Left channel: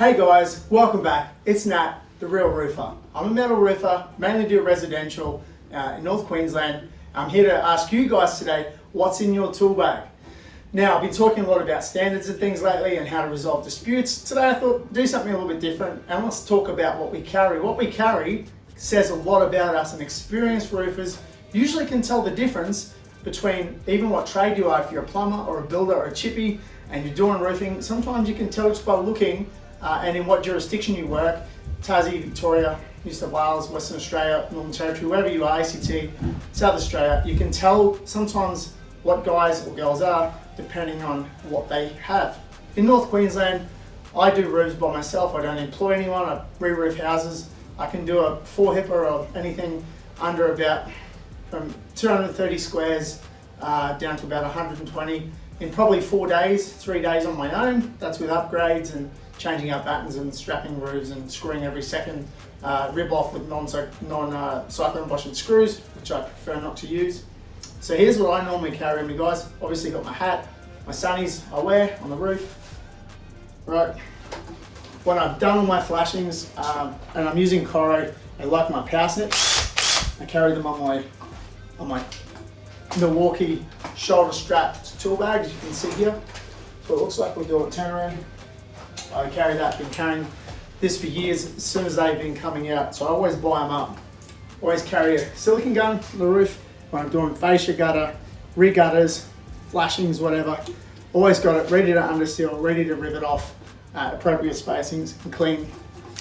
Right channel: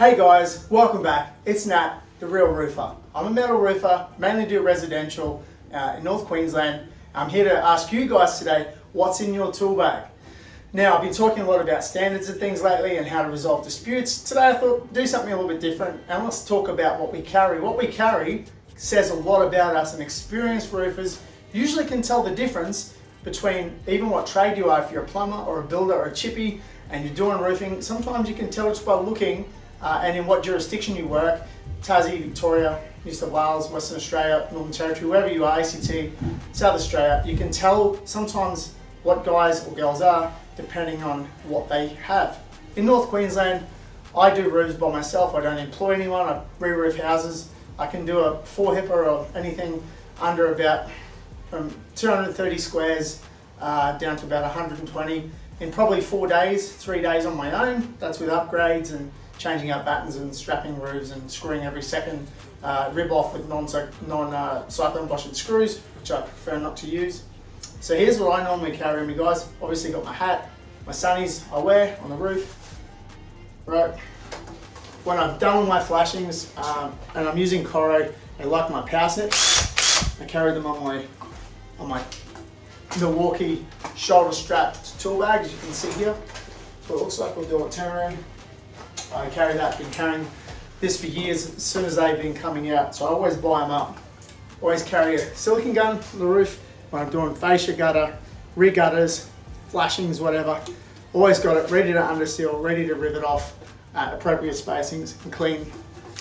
Hey guys, welcome back. It's Nat, the Real Roofer. I'm a metal roofer, mainly do residential in North Queensland. I'm here to ask you guys today, what's in your tool bag? Now, I've been talking a lot about standards and things lately and how to resolve disputes. Today I thought do something a little bit different and let's talk about what we carry. What we carry says a lot about us, and experienced roofers usually can tell the difference between even what trade you are. If you're a plumber or a builder or a chippy and you're doing roofing, sometimes you can tell just by looking and in what jurisdiction you work. Tassie, Victoria, New South Wales, Western Australia, Northern Territory, wherever you are, ACT, South Australia, you can tell sometimes what guys or girls are depending on what they have. In North Queensland, I do roofs by myself. I don't employ anyone. I re-roof houses. I can do a 4-hipper or anything under about from 230 squares down to about 120 in probably 4 days, 3 days on my own. That's with upgrades and changing out battens and strapping roofs and screwing every second rib off with non-cyclone Boschett screws, which I prefer not to use. So here's what I normally carry on me, guys. Obviously got my hat, my sunnies I wear on the roof. Right. When I've done my flashings and I'm using Coro, I like my power snips. I carry them on my Milwaukee shoulder strapped tool bag, as you can see here. So it looks like we'll do a Tenere. I carry that, been carrying this for years as soon as they've been coming out, so I always buy them up. Always carry a silicone gun on the roof when I'm doing fascia gutter, re-gutters, flashings, whatever. Always got it ready to underseal, ready to rivet off at appropriate spacings and clean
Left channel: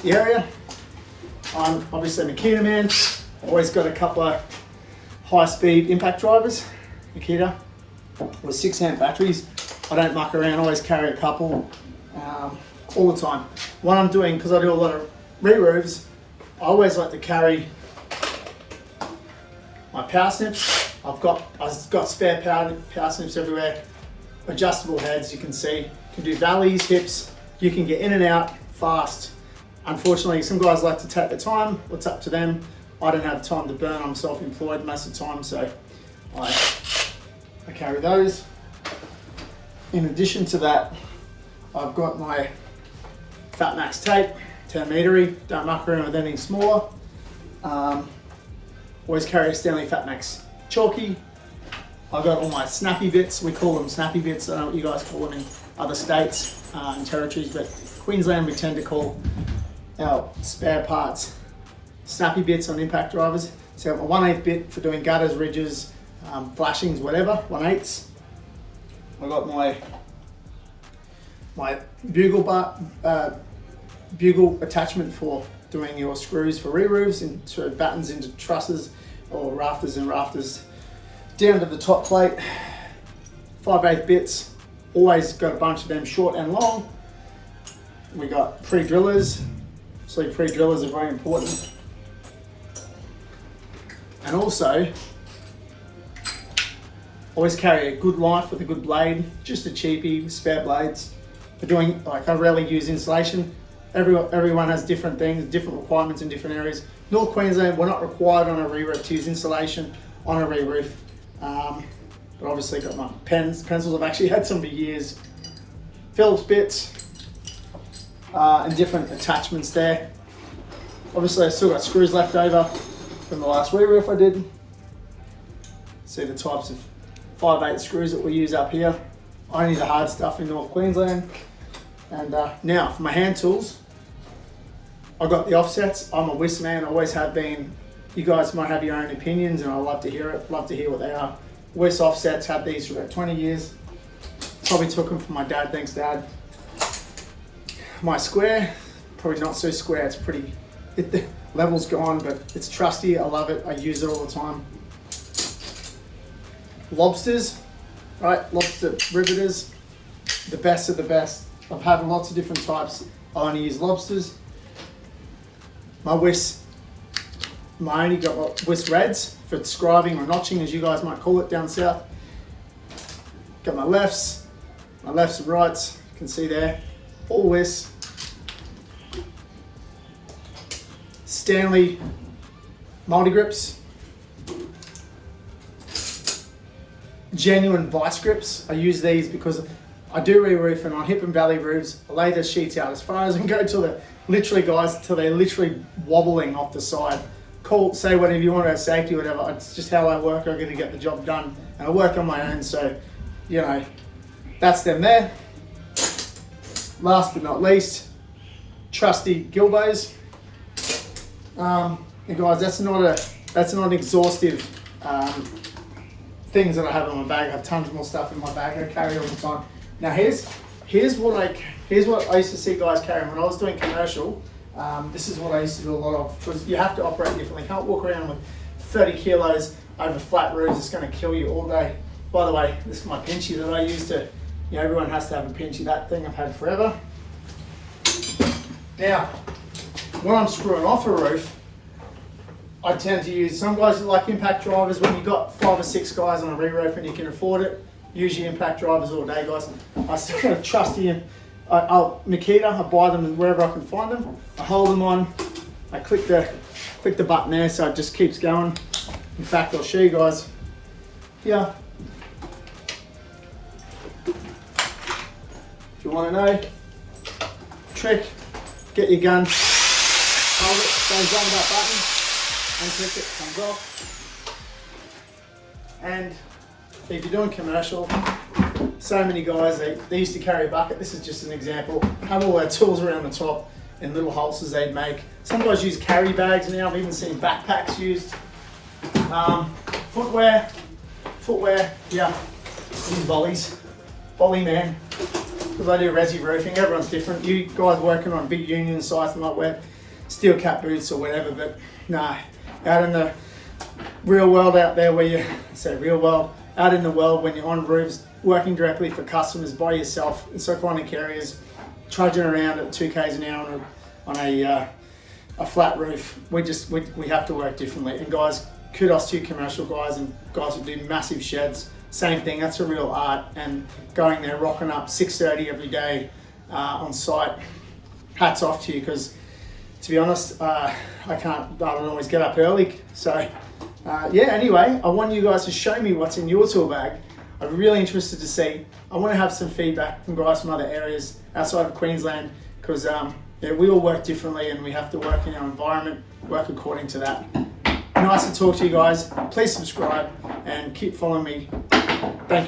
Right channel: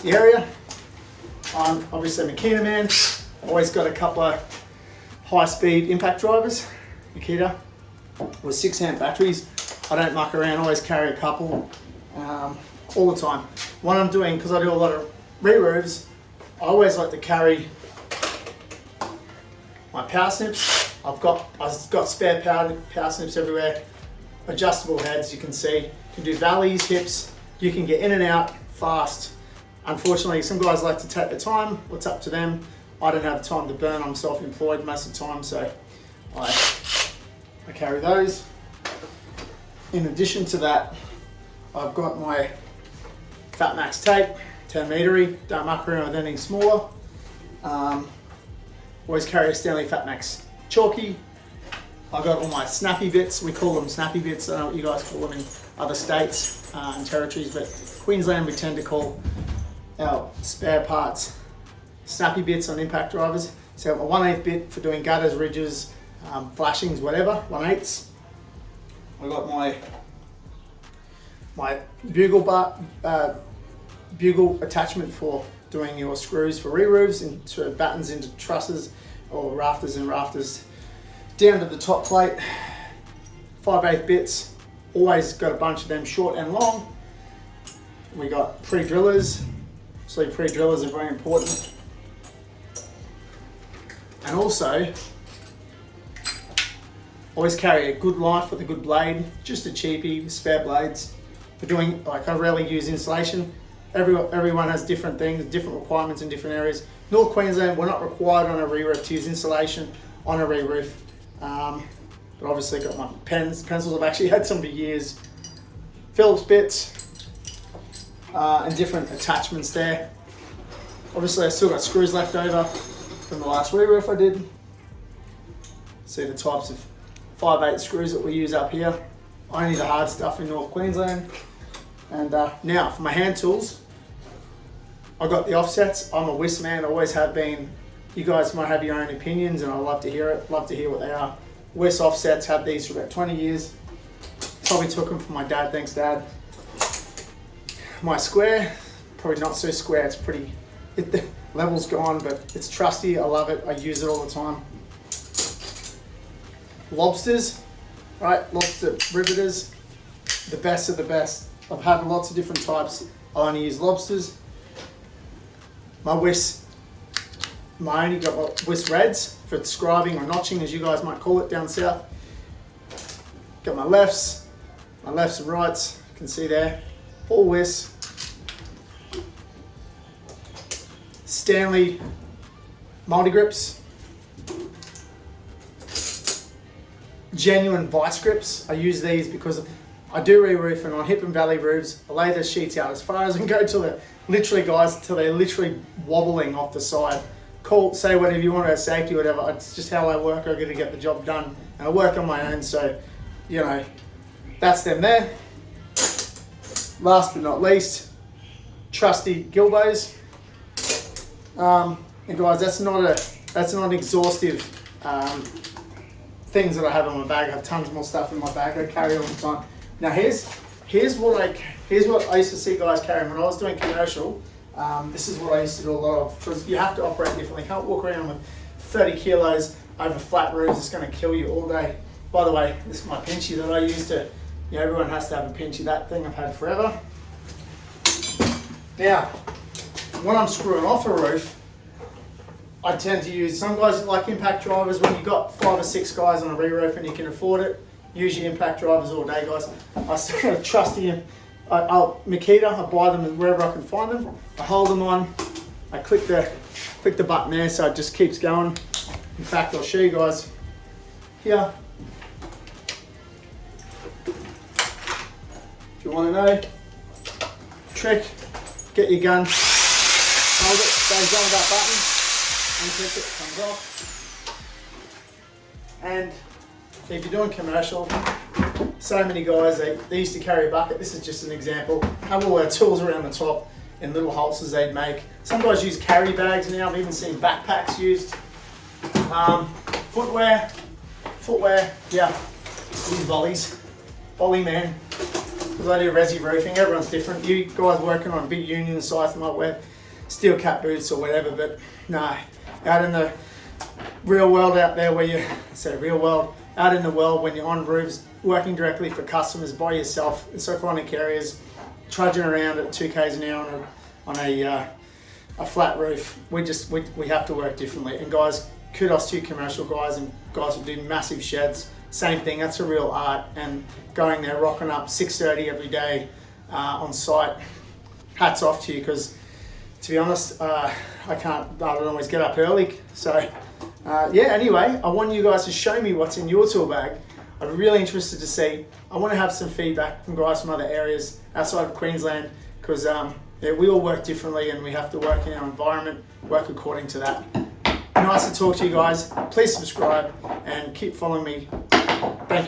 the area. I'm obviously a Makita man. Always got a couple of high-speed impact drivers, Makita, with 6-amp batteries. I don't muck around, always carry a couple. All the time. What I'm doing, because I do a lot of re-roofs, I always like to carry my power snips. I've got spare power snips everywhere. Adjustable heads, you can see. You can do valleys, hips. You can get in and out fast. Unfortunately, some guys like to take the time. It's up to them. I don't have time to burn. I'm self-employed most of the time, so I carry those. In addition to that, I've got my Fatmax tape, 10 metery, don't muck around with anything smaller. Always carry a Stanley Fatmax chalky. I've got all my snappy bits, we call them snappy bits, I don't know what you guys call them in other states and territories, but Queensland we tend to call our spare parts snappy bits on impact drivers. So I've got my 1/8 bit for doing gutters, ridges, flashings, whatever, 1/8. I've got my bugle attachment for doing your screws for re-roofs into battens into trusses or rafters and rafters down to the top plate. 5/8 bits, always got a bunch of them short and long. We got pre-drillers, so pre-drillers are very important. And also, always carry a good knife with a good blade, just a cheapie, spare blades. For doing, I rarely use insulation. Everyone has different things, different requirements in different areas. North Queensland, we're not required on a re-roof to use insulation on a re-roof. But obviously got my pencils, I've actually had some for years. Phillips bits, and different attachments there. Obviously I still got screws left over from the last re-roof I did. See the types of 5/8 screws that we use up here. Only the hard stuff in North Queensland. And now for my hand tools, I got the offsets. I'm a whisk man, always have been. You guys might have your own opinions and I love to hear it, love to hear what they are. Whisk offsets, had these for about 20 years. Probably took them from my dad, thanks Dad. My square, probably not so square, it's pretty, the level's gone, but it's trusty, I love it, I use it all the time. Lobsters, right, lobster riveters, the best of the best. I've had lots of different types. I only use lobsters. My whisk, I only got my whisk reds for scribing or notching, as you guys might call it down south. Got my lefts and rights, you can see there, all whisk. Stanley multi-grips. Genuine vice grips. I use these because I do re-roofing on hip and valley roofs. I lay the sheets out as far as I can go till they're literally wobbling off the side. Call, say whatever you want about safety, whatever. It's just how I work. I got to get the job done, and I work on my own. So, you know, that's them there. Last but not least, trusty Gilbos. And guys, that's not an exhaustive things that I have in my bag. I have tons more stuff in my bag. I carry all the time. Now here's what I used to see guys carrying when I was doing commercial. This is what I used to do a lot of, because you have to operate differently. You can't walk around with 30 kilos over flat roofs. It's going to kill you all day. By the way, this is my pinchy that I used to, you know, everyone has to have a pinchy. That thing I've had forever. Now, when I'm screwing off a roof, I tend to use, some guys like impact drivers. When you've got 5 or 6 guys on a re-roof and you can afford it, use your impact drivers all day, guys. I still got a trusty Makita. I buy them wherever I can find them. I hold them on. I click the button there, so it just keeps going. In fact, I'll show you guys here. If you want to know, trick, get your gun, hold it, goes on that button, unclick it, comes off. And if you're doing commercial, so many guys, they used to carry a bucket. This is just an example. Have all their tools around the top in little holsters they'd make. Some guys use carry bags now. I've even seen backpacks used. Footwear, yeah. These volleys, volley man. Because I do resi roofing, everyone's different. You guys working on big union sites might wear steel cap boots or whatever, but no. Out in the real world out there where you, out in the world when you're on roofs, working directly for customers by yourself in Cyclonic areas, trudging around at 2 k's an hour on a flat roof, we have to work differently. And guys, kudos to you commercial guys and guys who do massive sheds. Same thing, that's a real art. And going there, rocking up 6:30 every day on site, hats off to you, because to be honest, I don't always get up early. So yeah, anyway, I want you guys to show me what's in your tool bag. I'm really interested to see. I want to have some feedback from guys from other areas outside of Queensland, because yeah, we all work differently and we have to work in our environment, work according to that. Nice to talk to you guys. Please subscribe and keep following me. Thank you.